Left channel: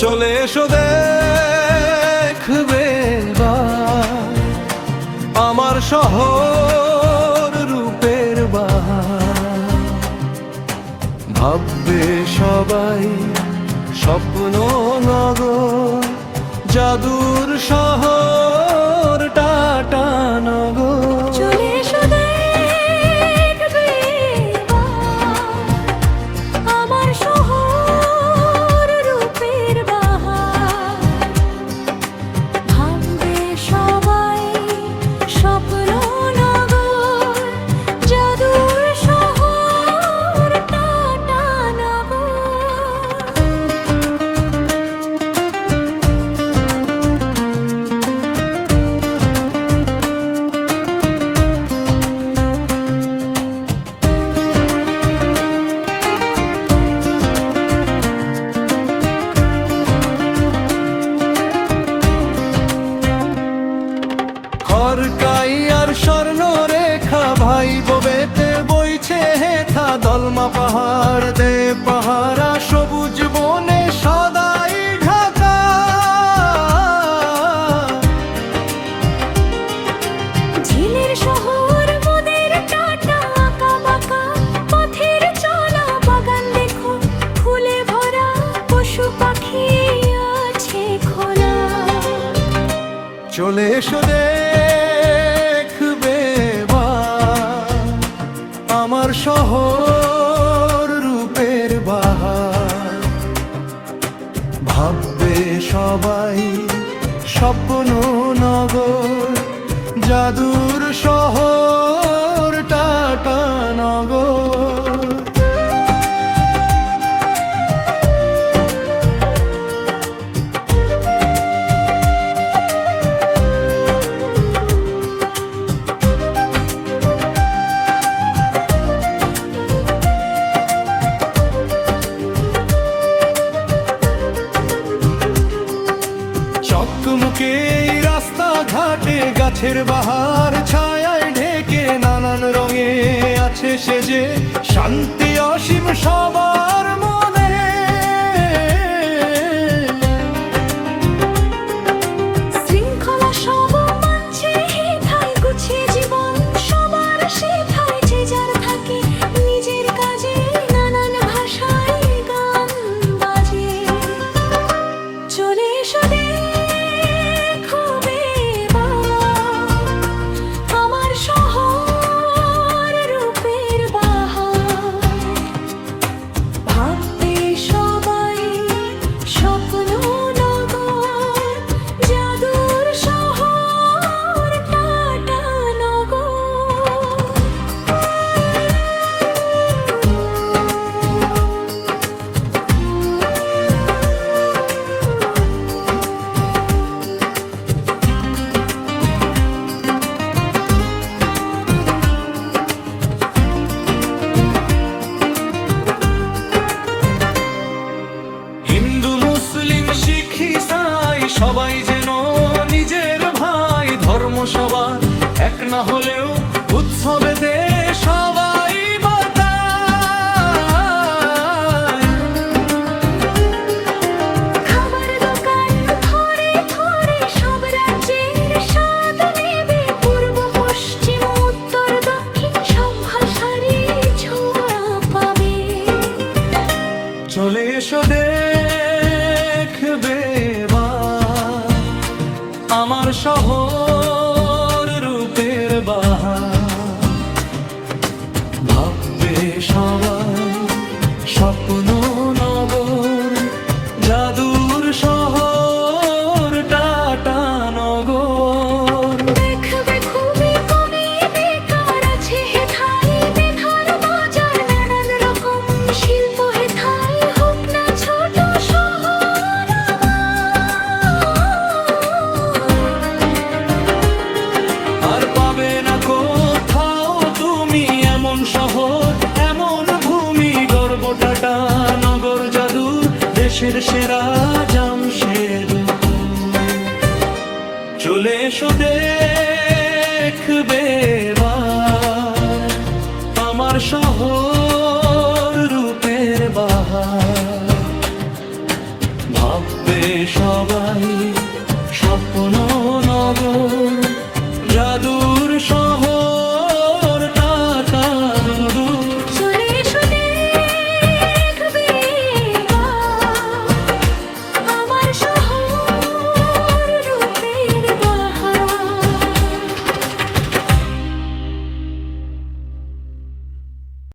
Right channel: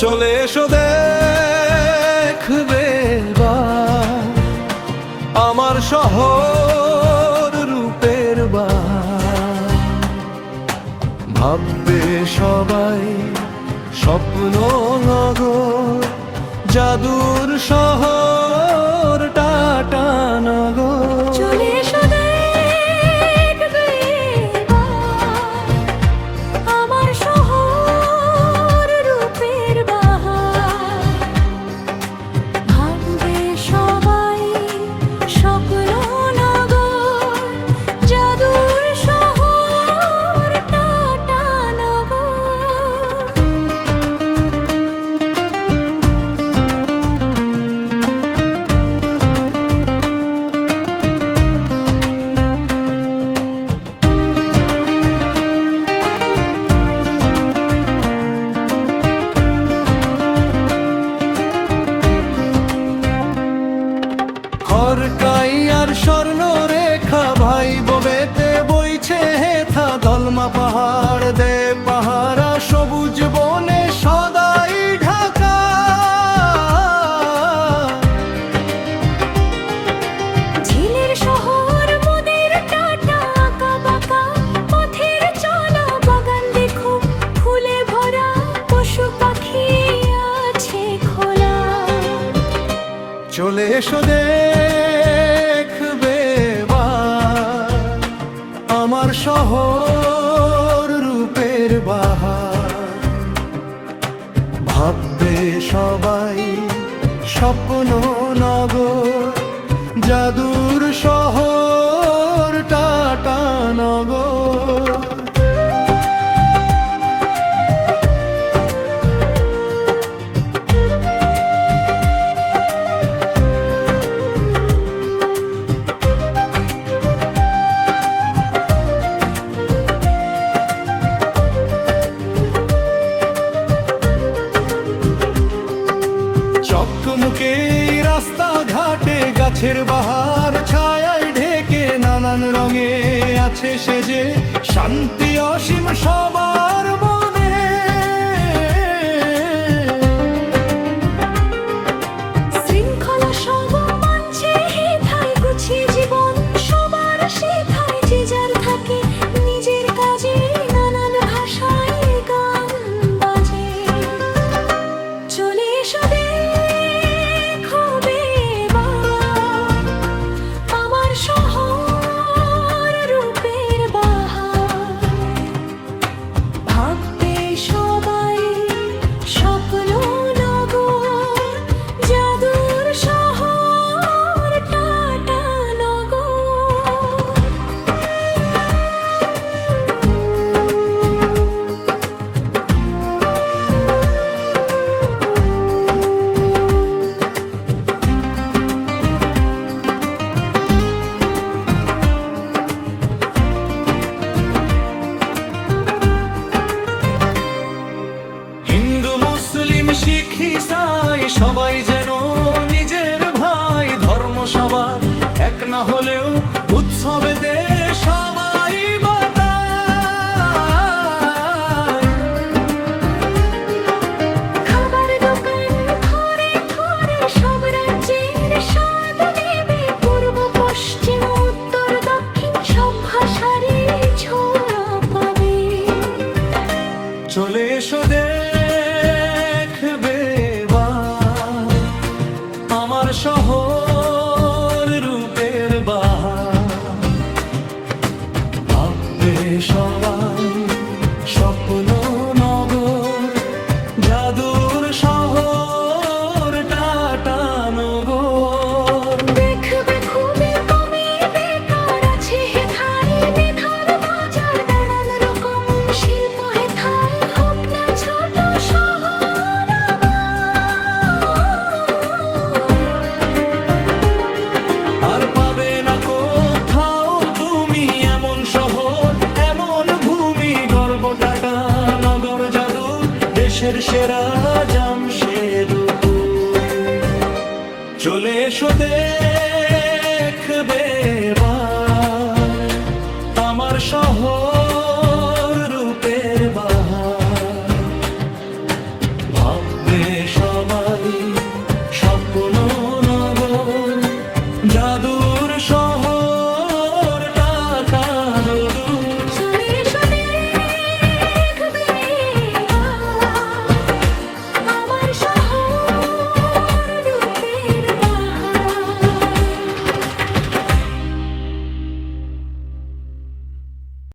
চলে এসো দেখবে এবার আমার শহর রূপের বাহার। ভাববে সবাই স্বপ্ন নগর, জাদুর শহর টাটানগর। চলে এসো দেখবে এবার আমার শহর রূপের বাহার। ভাববে সবাই স্বপ্ন নগর, জাদুর শহর টাটানগর। খড়কাই আর স্বর্ণ রেখা ভাই বোবেতে বইছে হেথা। দলমা পাহাড় দে পাহারা সবুজ বনে সদাই ঢাকা। ঝিলের শহর মোদের টাটা আঁকা বাঁকা, পথের চলা বাগান দেখো ফুলে ভরা, পশু পাখি আছে খোলা। চলে এসো দেখবে এবার আমার শহর রূপের বাহার। ভাববে সবাই স্বপ্ন নগর, জাদুর শহর টাটানগর। চকমুকে রাস্তা ঘাটে গাছের বাহার ছায়ায় ঢেকে, নানান রঙে আছে সেজে শান্তি অসীম সবার মনে। শৃঙ্খলা সব মানছে হেথায়, গুছিয়ে জীবন সবার সেথায়। যে যার থাকে নিজের কাজে, নানান ভাষায় গান বাজে। চলে এসো দেখবে এবার আমার শহর রূপের বাহার। ভাববে সবাই স্বপ্ন নগর, জাদুর শহর টাটানগর। হিন্দু মুসলিম শিখ ইসাই সবাই যেন নিজের ভাই। ধর্ম সবার এক না হলেও উৎসবেতে সবাই মাতায়। খাবার দোকান ঘরে ঘরে সব রাজ্যের স্বাদ নেবে। পূর্ব পশ্চিম উত্তর দক্ষিণ সব ভাষারই ছোঁয়া পাবে। চলে এসো দেখবে এবার আমার শহর রূপের বাহার। ভাববে সবাই স্বপ্ন নগর, জাদুর শহর টাটানগর। দেখবে খুবই কমে বেকার আছে হেথায়, মেধার বাজার নানান রকম শিল্প হেথায়। হোক না ছোট শহর আর পাবে না কোথাও তুমি এমন শহর এমন ভূমি। গর্ব টাটানগর জাদুর দেশের সেরা জামশেদপুর। চলে এসো দেখবে এবার আমার শহর রূপের বাহার। ভাববে সবাই স্বপ্ন নগর জাদুর শহর